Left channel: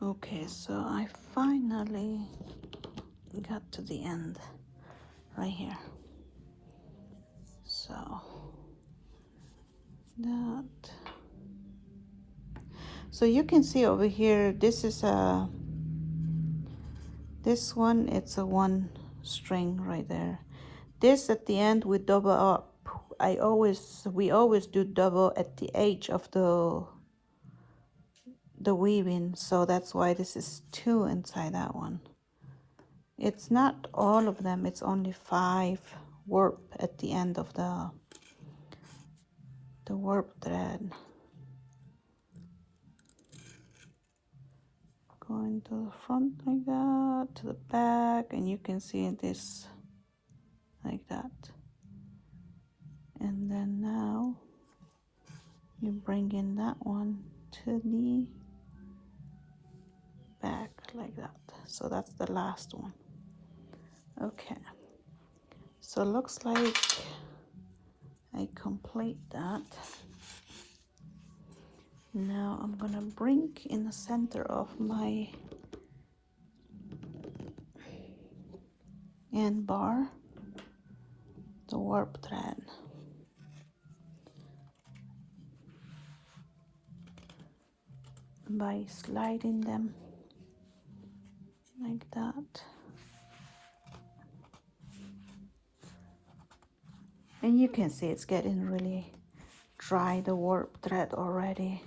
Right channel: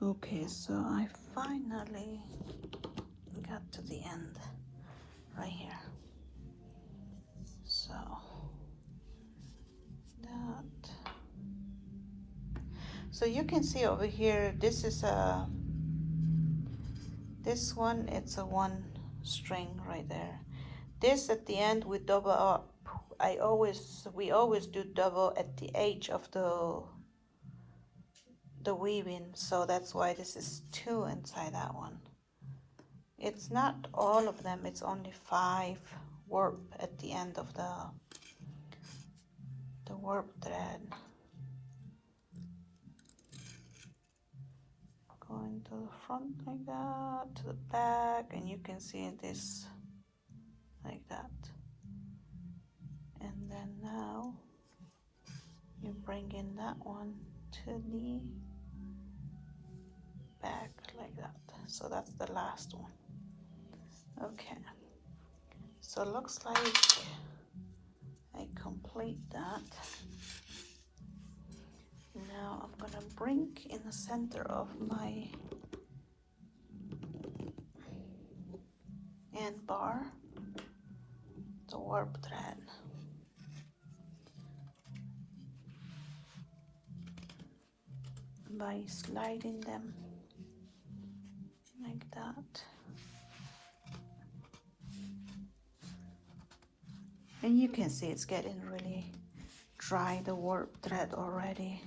Okay, so I finally got to the end right here. So that, so you can see over here, this is a, this one, it's a one string right there. This at the end we double up. We always do double at the edge of the weaving, so that's why this is 2 inside that one. It's not all of them, it's only 5 warp at the end of the warp thread. Going to the front like that, to the back, and you can see this like that. And then now you bring in that one to the back like that. So that's the last one. Okay, so it looks like I complete that. Now I'm gonna bring in the center of my end bar the warp thread. By sliding them like that. And you can see it's getting really dry, the warp thread already.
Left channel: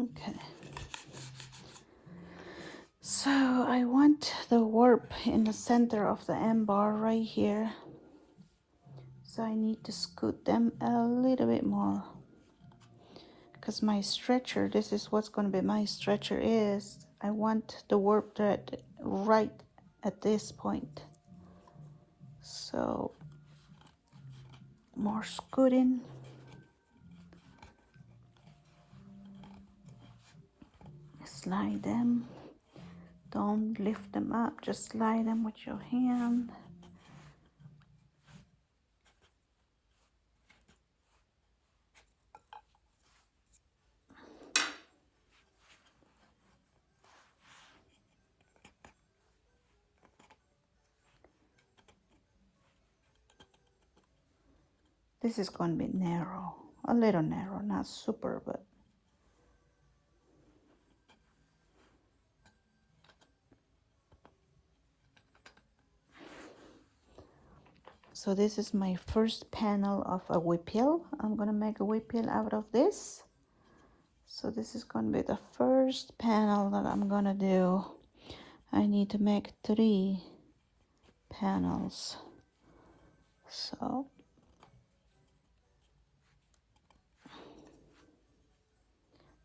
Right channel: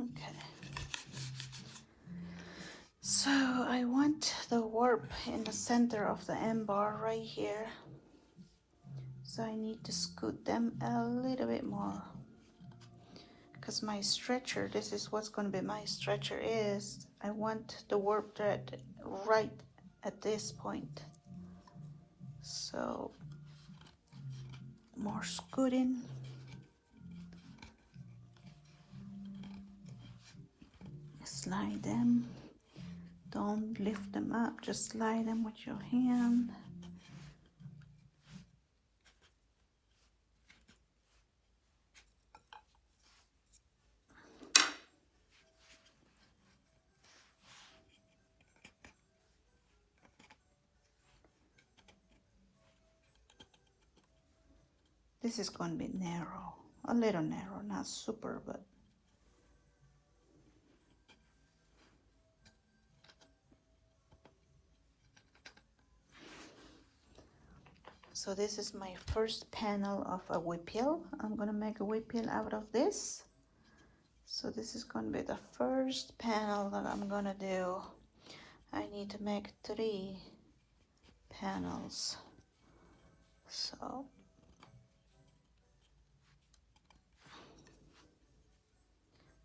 Okay. So I want the warp in the center of the end bar right here. So I need to scoot them a little bit more. Because my stretcher, this is what's going to be my stretcher is, I want the warp thread right at this point. So more scooting. Slide them. Don't lift them up, just slide them with your hand. This is going to be narrow, a little narrow, not super, but so this is my first panel of a whipple. I'm going to make a whipple out of this. So this is going to be the first panel that I'm going to do. I need to make 3 panels. So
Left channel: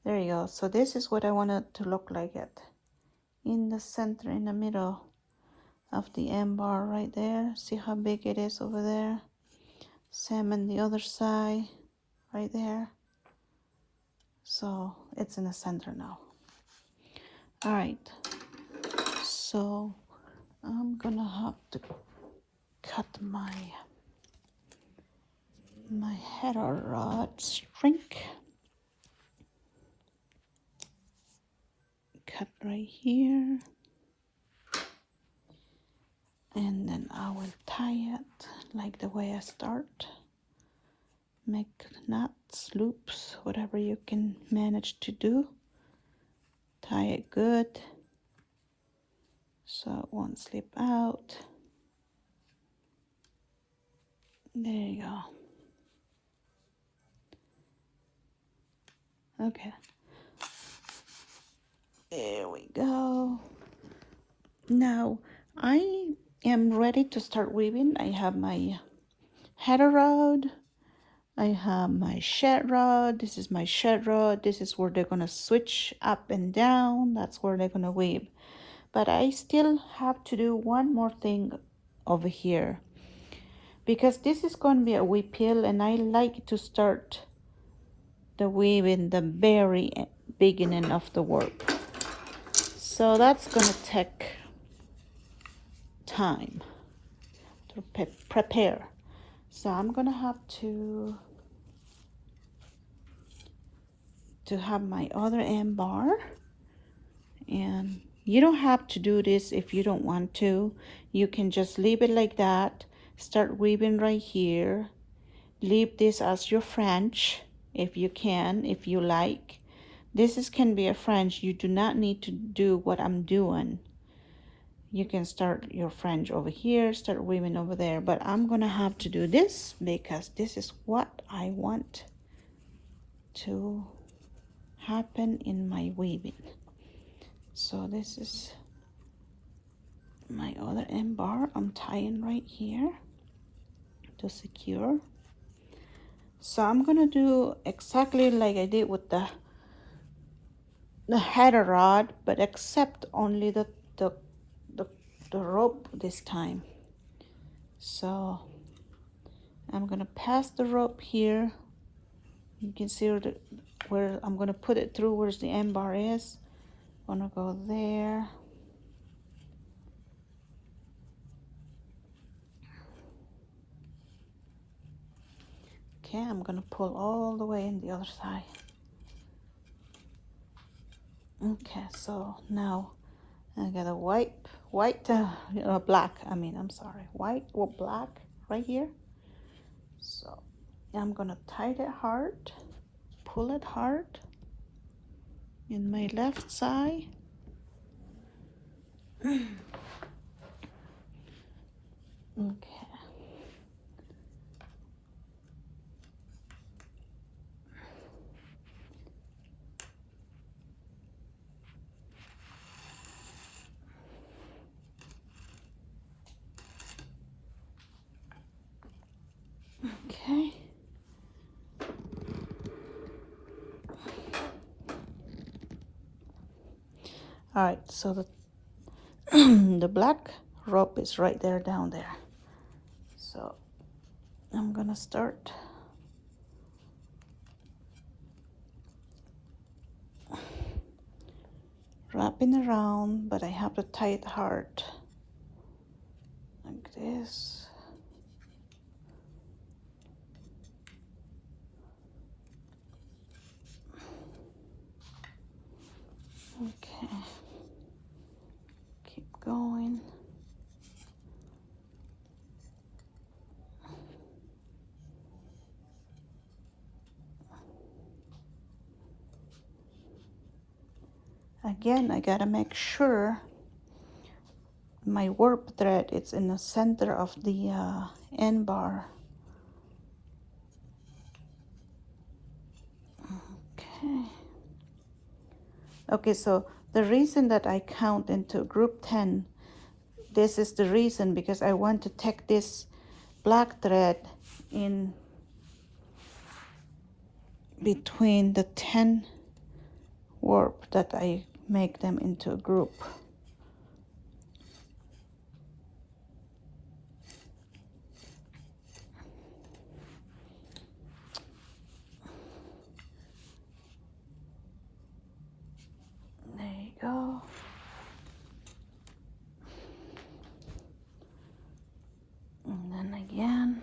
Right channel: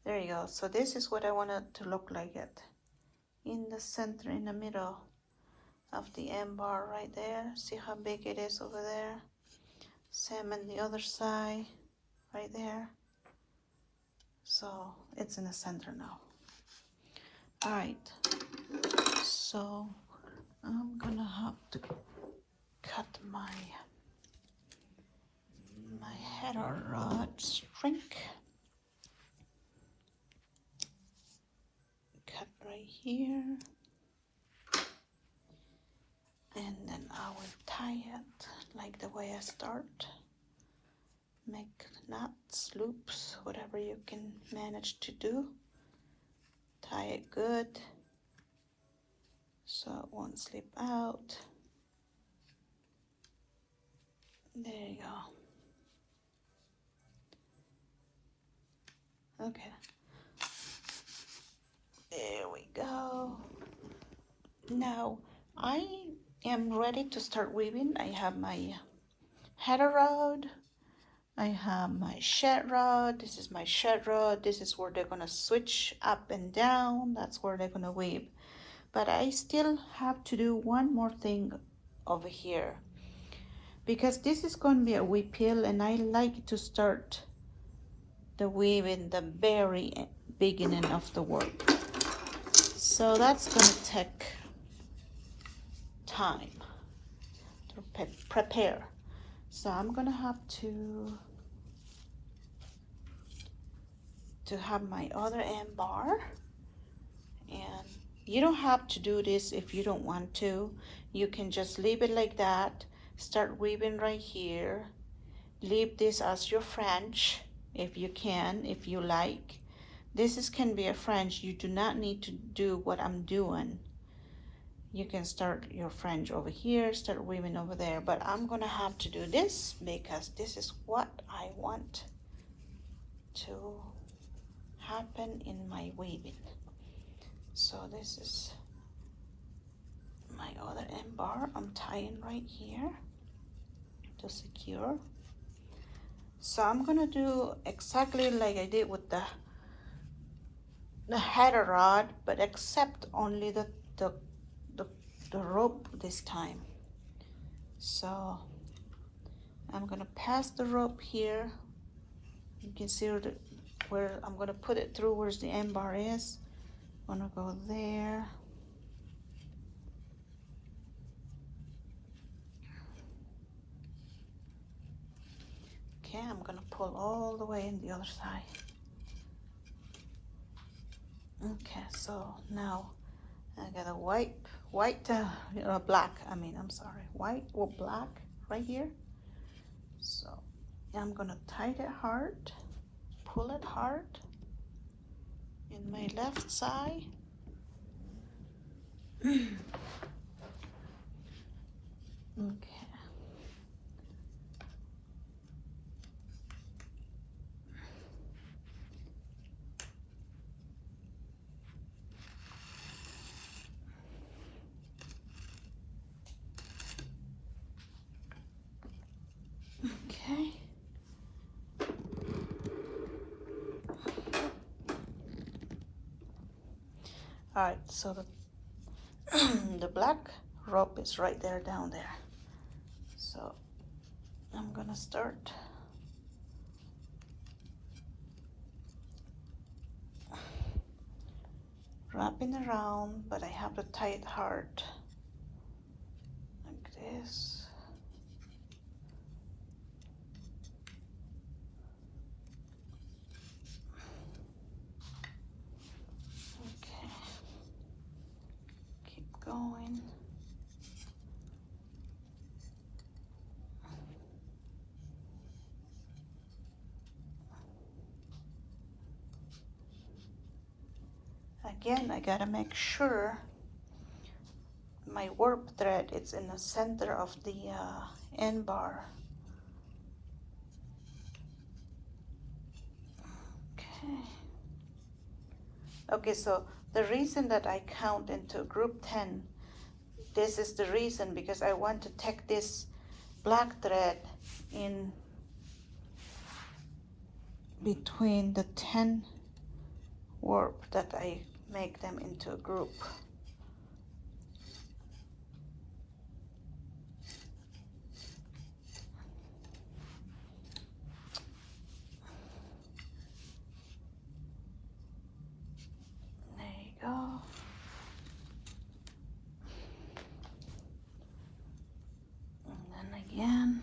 there you go. So this is what I want it to look like it. In the center, in the middle of the end bar right there. See how big it is over there? Same on the other side, right there. So it's in the center now. All right, so I'm gonna have to cut my Heddle Rod string. Cut right here. And then like the way I start. Make knots, loops, whatever you can manage to do. Tie it good so it won't slip out. There you go. Okay. There we go. Now I am ready to start weaving. I have my Heddle Rod. I have my shed rod. This is my shed rod. This is where they're gonna switch up and down. That's where they're gonna weave. But I still have to do one more thing over here, because this is going to be a weave peel, and I like to start the weave in the very beginning of the work. So that's going to take time to prepare. So I'm going to have to have my other end bar, and you don't have to do this if you don't want to. You can just leave it like that. Start weaving right here. Leave this as your French if you can, if you like. This can be a French. You do not need to do what I'm doing. You can start your French over here, start weaving over there. But I'm gonna have to do this because this is what I want to happen in my weaving. So this is my other end bar. I'm tying right here to secure. So I'm gonna do exactly like I did with the Heddle Rod, but except only the rope this time. So I'm gonna pass the rope here. You can see where I'm gonna put it through, where's the end bar is. I'm gonna go there. Okay, I'm gonna pull all the way in the other side. Okay, so now I got a white, black, I'm sorry, white or black right here. So I'm gonna tie it hard, pull it hard in my left side. Okay. Okay. All right, so the black rope is right there, down there. So I'm gonna start wrapping around, but I have to tie it hard like this. Okay, keep going. Again, I gotta make sure my warp thread is in the center of the end bar. Okay. Okay, so the reason that I count into group 10, this is the reason, because I want to take this black thread in between the 10 warp that I make them into a group. There you go. And then again.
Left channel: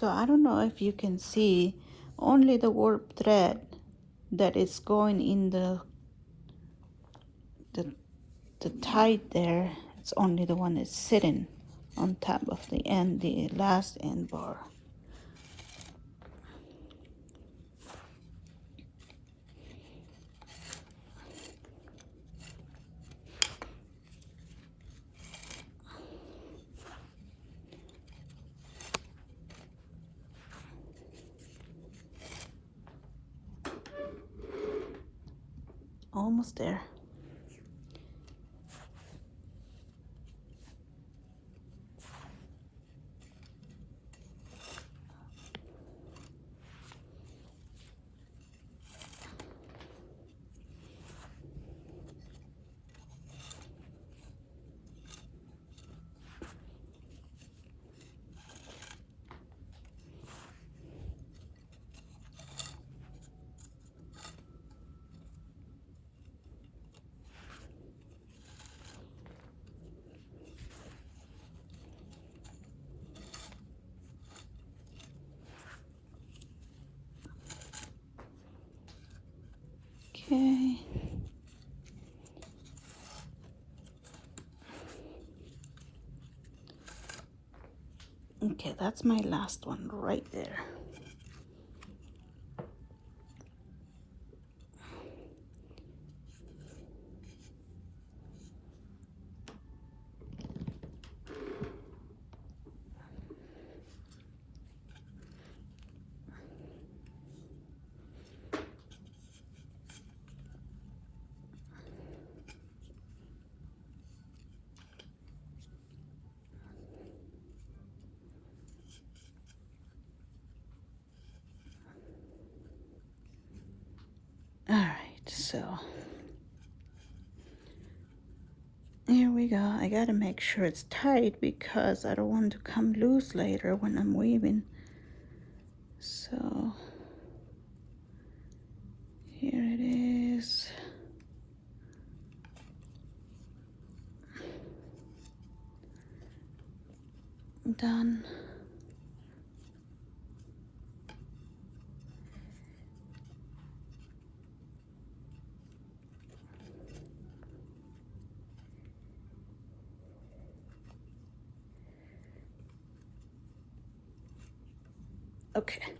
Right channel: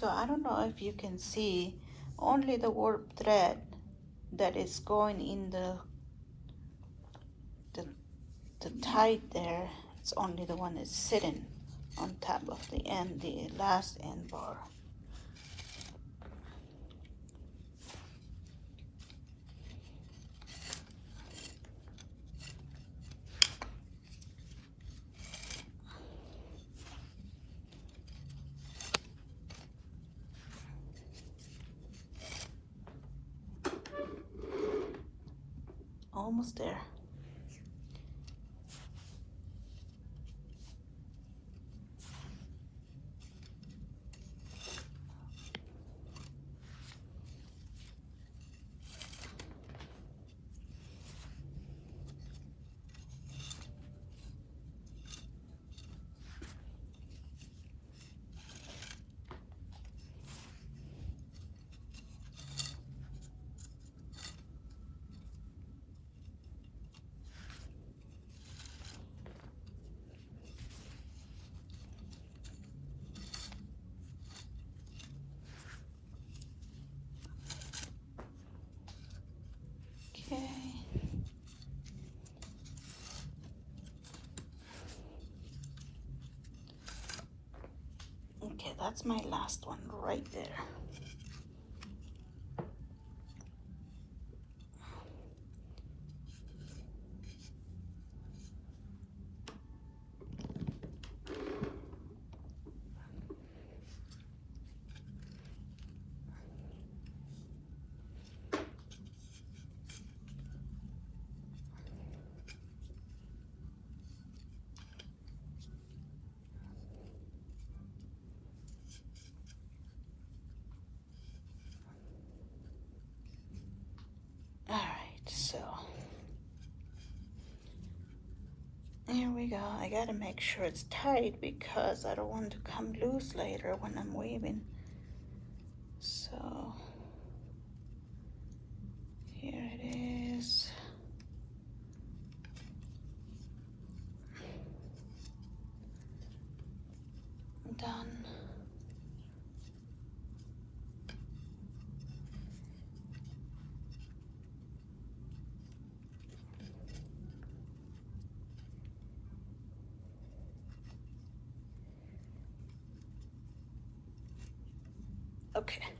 So I don't know if you can see only the warp thread that is going in the tight there. It's only the one that's sitting on top of the end, the last end bar. Almost there. Okay. Okay, that's my last one right there. All right, so here we go. I gotta make sure it's tight because I don't want to come loose later when I'm weaving. So here it is. Done. Okay.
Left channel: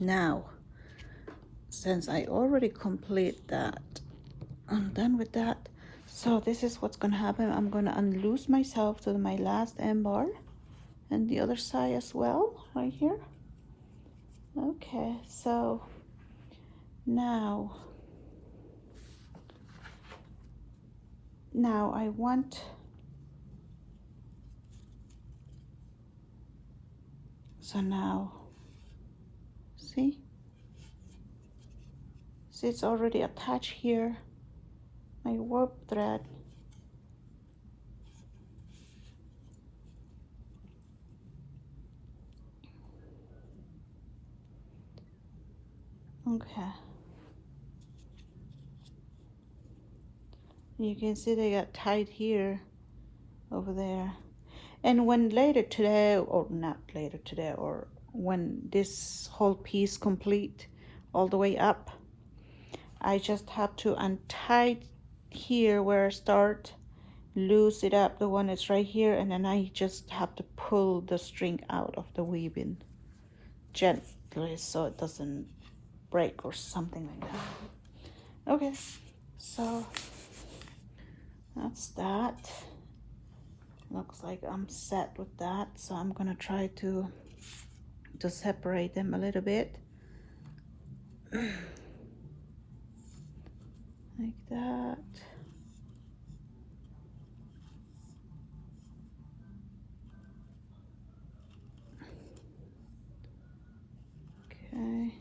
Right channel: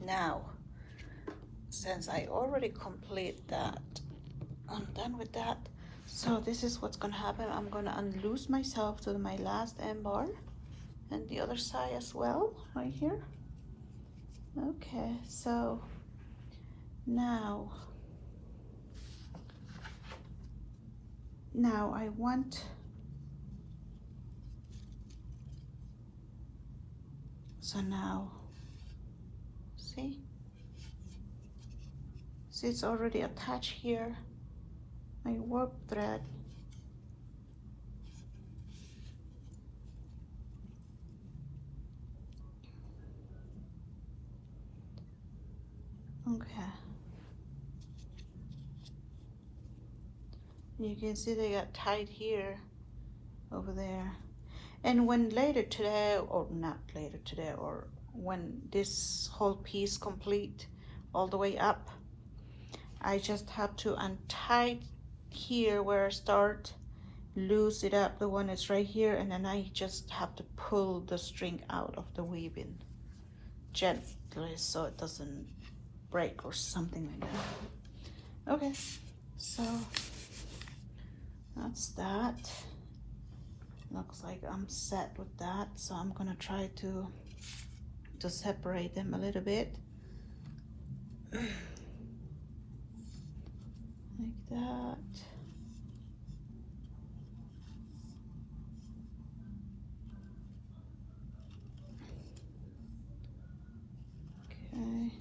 Now, since I already complete that, I'm done with that. So this is what's gonna happen. I'm gonna unloose myself to my last end bar and the other side as well, right here. Okay, so now I want, so now see it's already attached here, my warp thread. Okay, you can see they got tied here, over there. And when later today, or not later today, or when this whole piece complete all the way up, I just have to untie here where I start, loose it up, the one that's right here, and then I just have to pull the string out of the weaving gently so it doesn't break or something like that. Okay, so that's that. Looks like I'm set with that, so I'm gonna try to separate them a little bit. Like that. Okay.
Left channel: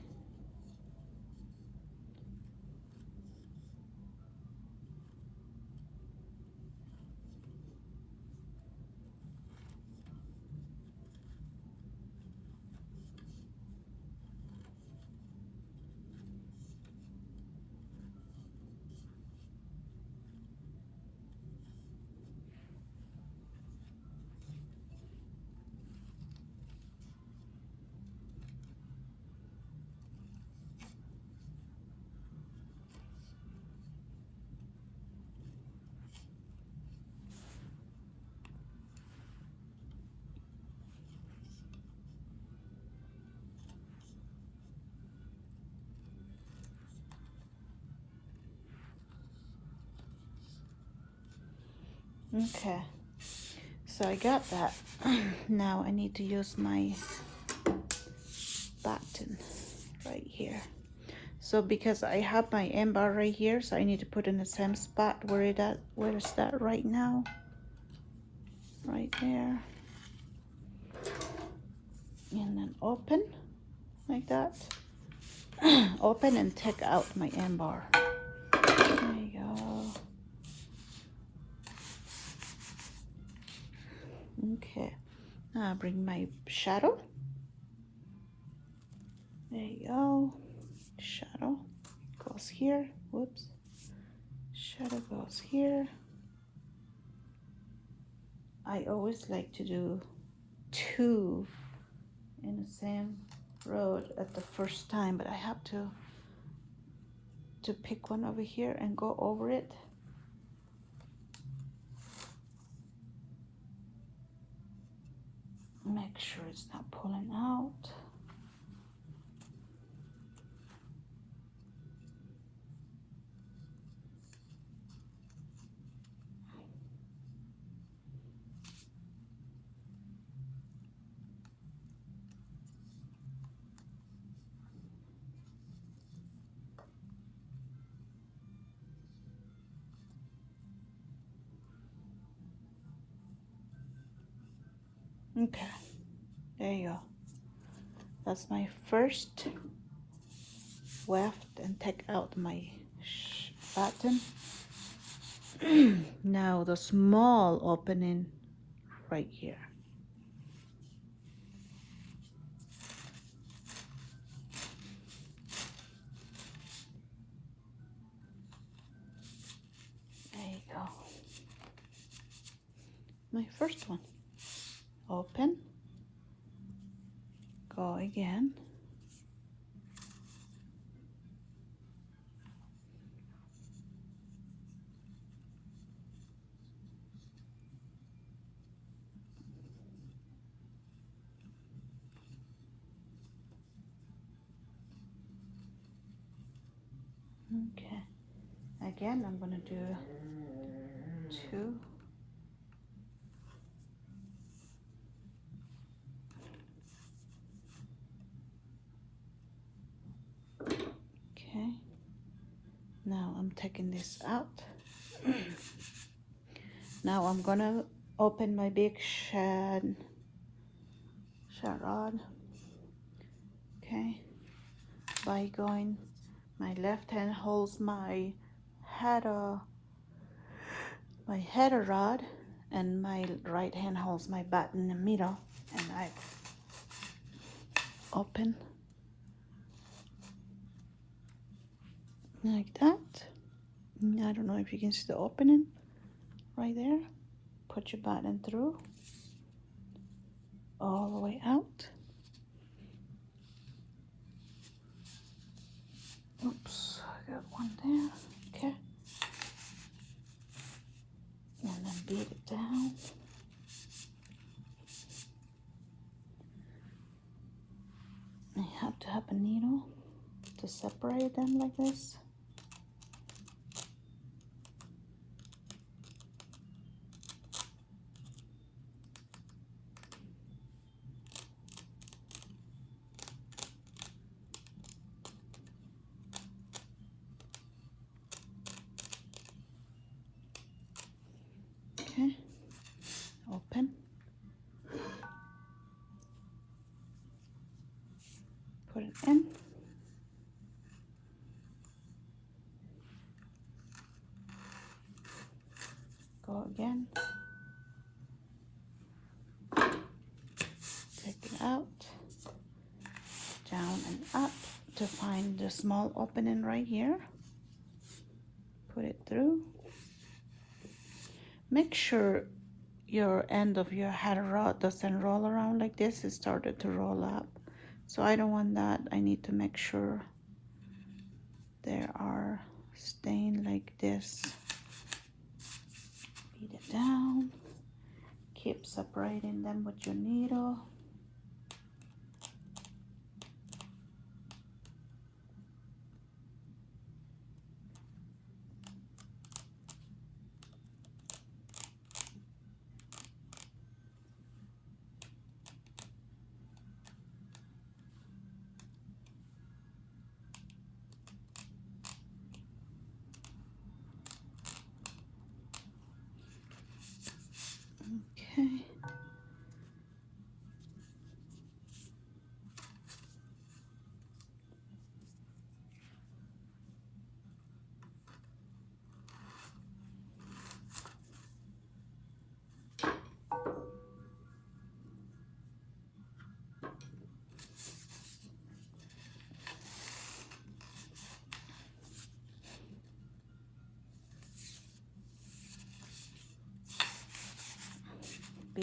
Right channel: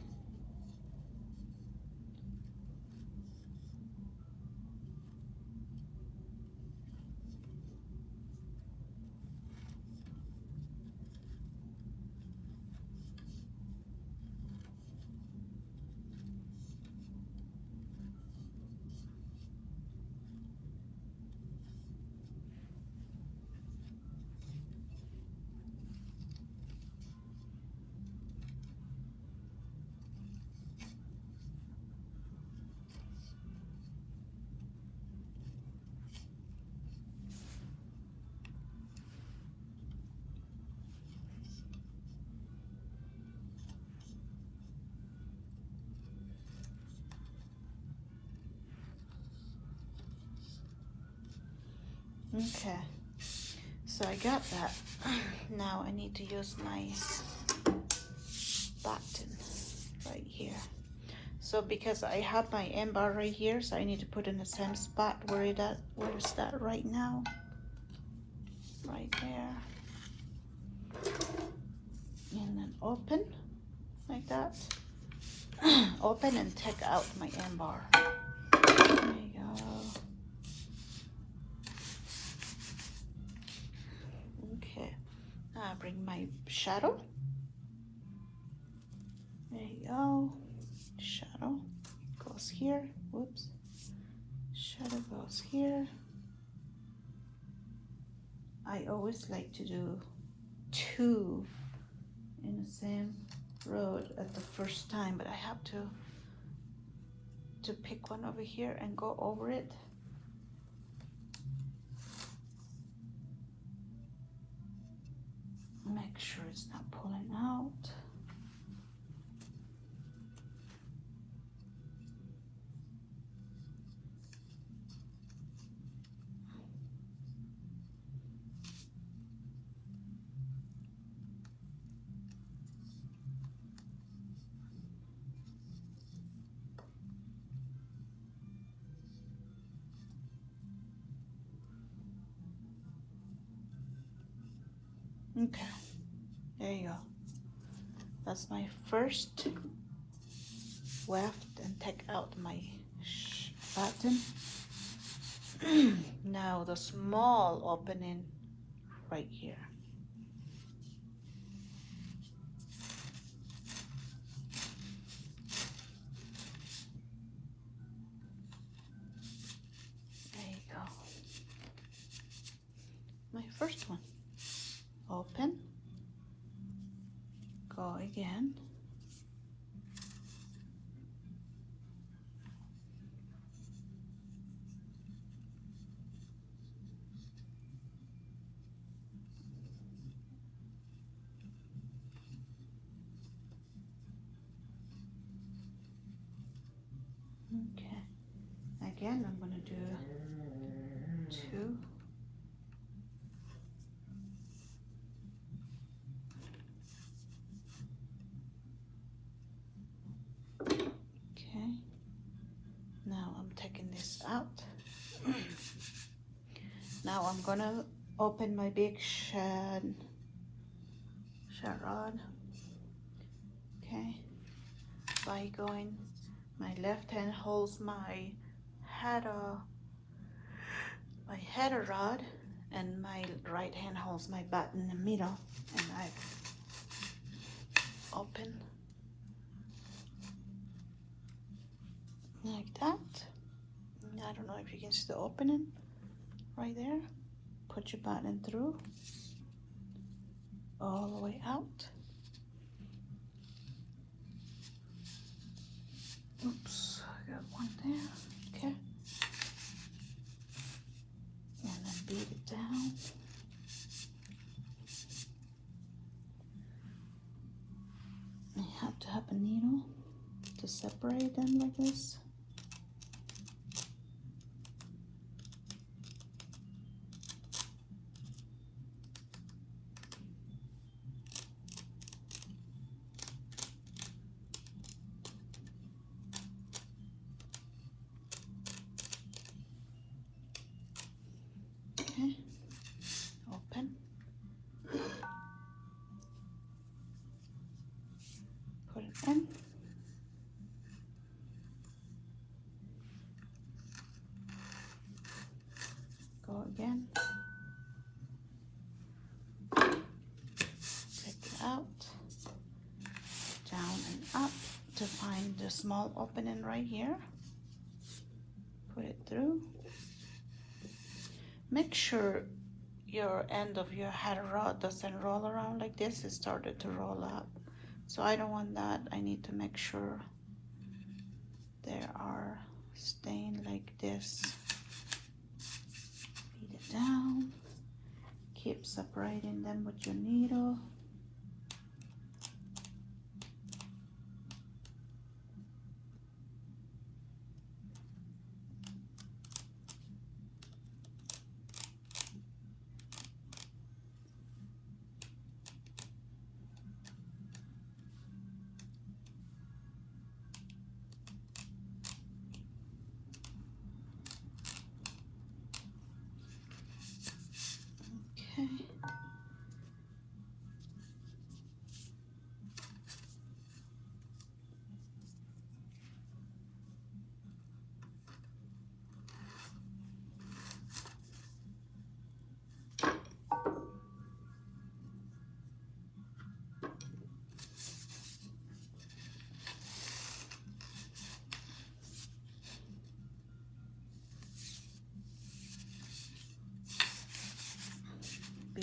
Okay, so I got that. Now I need to use my button right here. So because I have my M bar right here, so I need to put in the same spot where is that right now? Right there. And then open like that. Open and take out my M bar. There you go. Okay. Now I bring my shadow. There you go. Shadow goes here. Whoops. Shadow goes here. I always like to do 2 in the same road at the first time, but I have to pick one over here and go over it. Make sure it's not pulling out. Okay, there you go. That's my first weft and take out my button. Now the small opening right here. There you go. My first one. Open. Go again. Okay. Again, I'm going to do 2. Okay. Now I'm taking this out. Now I'm going to open my big shad rod. Okay. By going, my left hand holds my Heddle Rod, and my right hand holds my button in the middle, and I open like that. I don't know if you can see the opening right there. Put your button through all the way out. Oops, I got one there. Okay. And then beat it down. You have to have a needle to separate them like this. Okay, open. Put it in. Go again. Take it out. Down and up to find the small opening right here. Put it through. Make sure your end of your Heddle Rod doesn't roll around like this. It started to roll up. So I don't want that. I need to make sure they are staying like this. Feed it down. Keep separating them with your needle.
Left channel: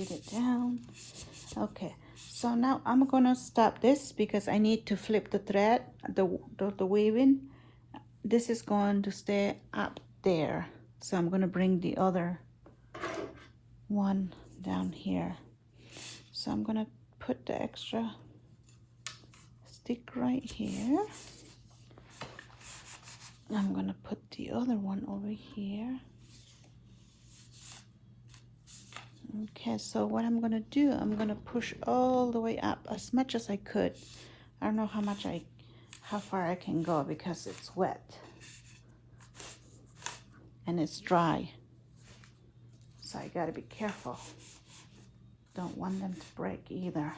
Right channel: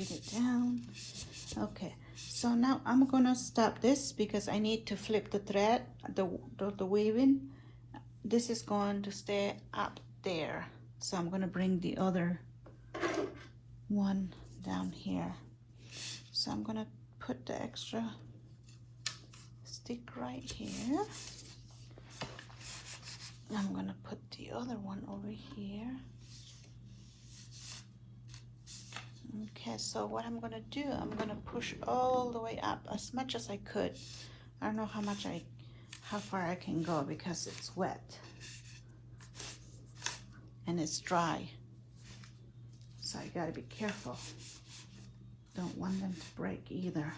feed it down. Okay, so now I'm gonna stop this because I need to flip the thread, the weaving. This is going to stay up there, so I'm gonna bring the other one down here. So I'm gonna put the extra stick right here. I'm gonna put the other one over here. Okay, so what I'm gonna do, I'm gonna push all the way up as much as I could. I don't know how far I can go because it's wet and it's dry. So I gotta be careful. Don't want them to break either.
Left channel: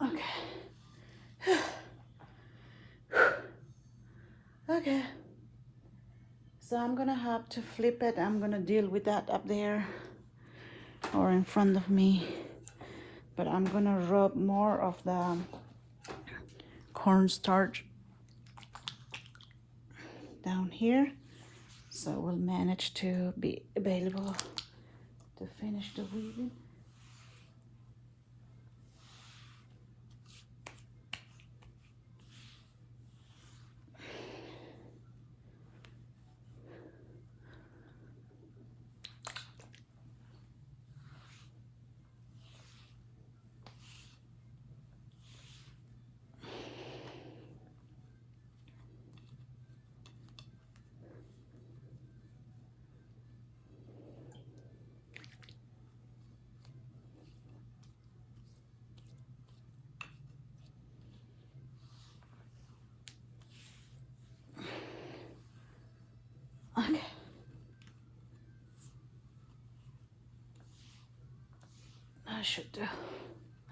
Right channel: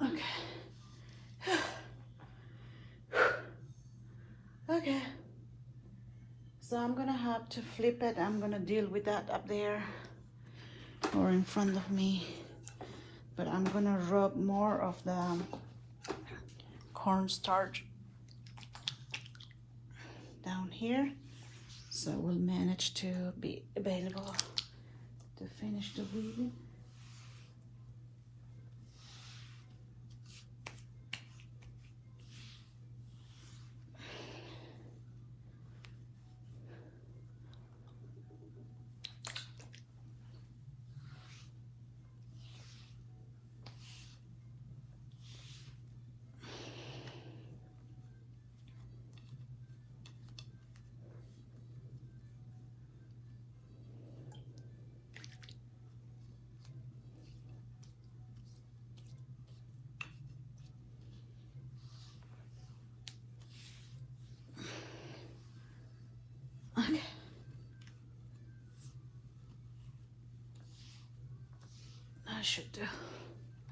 Okay. Okay. So I'm gonna have to flip it. I'm gonna deal with that up there or in front of me. But I'm gonna rub more of the cornstarch down here so we'll manage to be available to finish the weaving. Okay. I should do.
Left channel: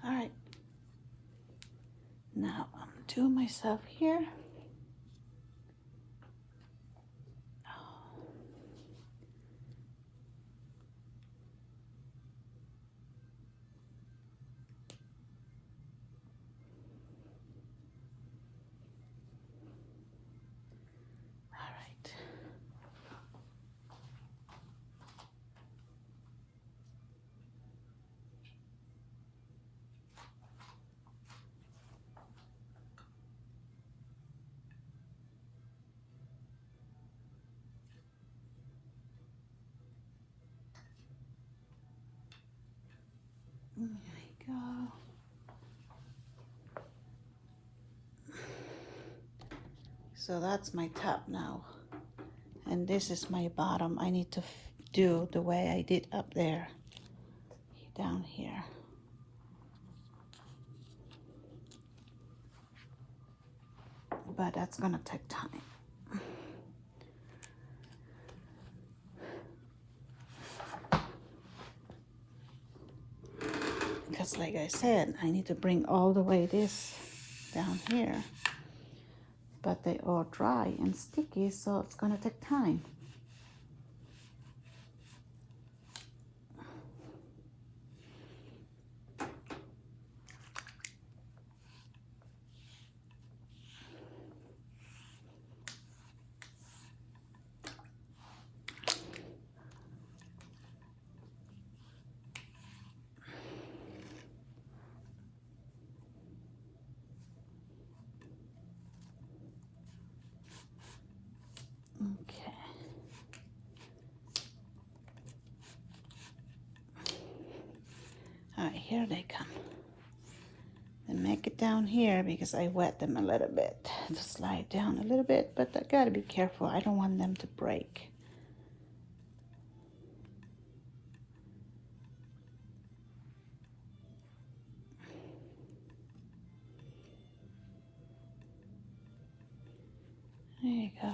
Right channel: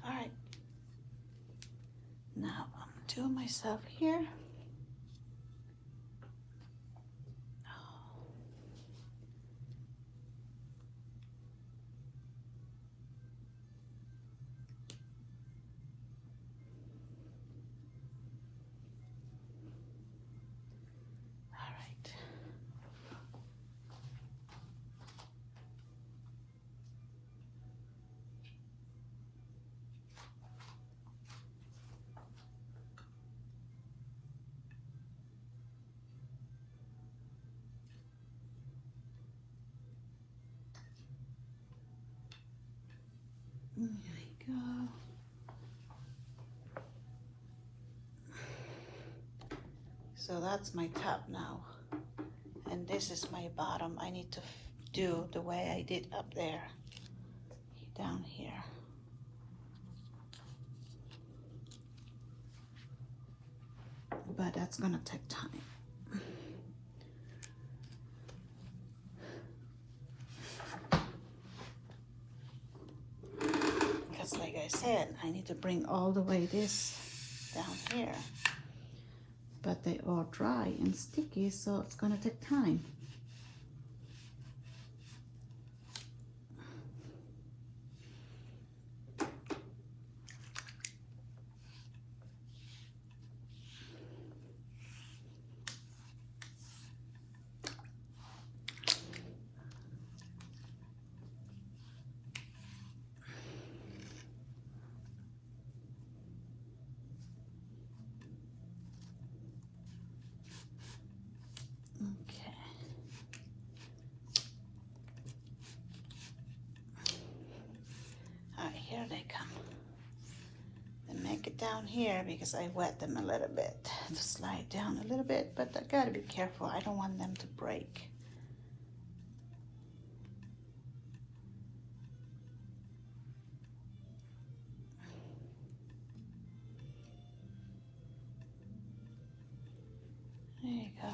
All right. Now I'm to myself here. All right. There you go. So that's my top now. and this is my bottom. I need to do the way I did up there, down here. But that's gonna take time. Because like I said, I need to bring all the way this down here. But they are dry and sticky, so it's gonna take time. Okay. All right, here they come. And make it down here because I wet them a little bit. Just slide down a little bit, but I gotta be careful. I don't want them to break. There you go.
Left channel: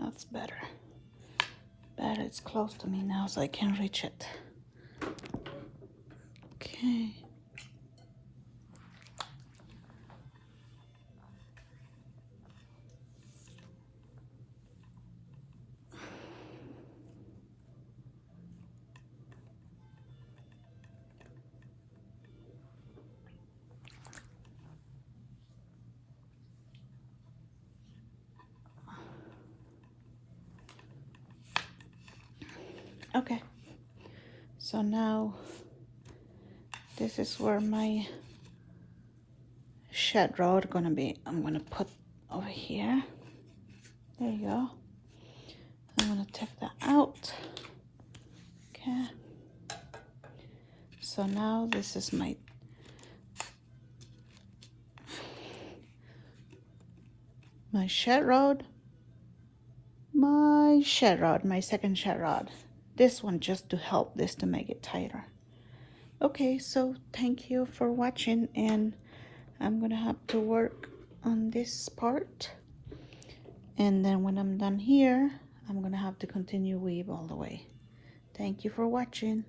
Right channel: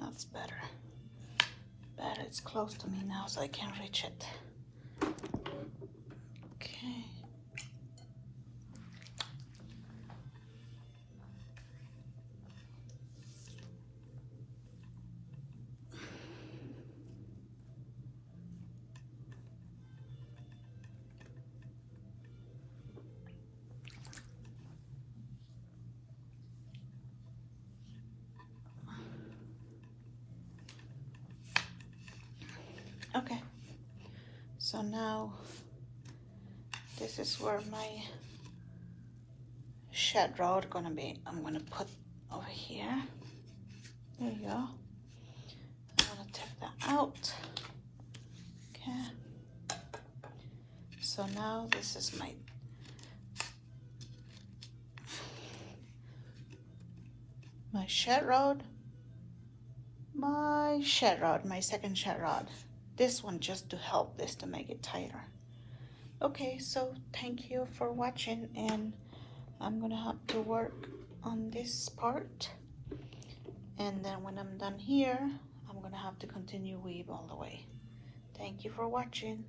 That's better. Better, it's close to me now so I can reach it. Okay. Okay, so now this is where my shed rod gonna be. I'm gonna put over here. There you go. I'm gonna take that out. Okay. So now this is my shed rod. My second shed rod. This one just to help this to make it tighter. Okay, so thank you for watching, and I'm gonna have to work on this part, and then when I'm done here I'm gonna have to continue weave all the way. Thank you for watching.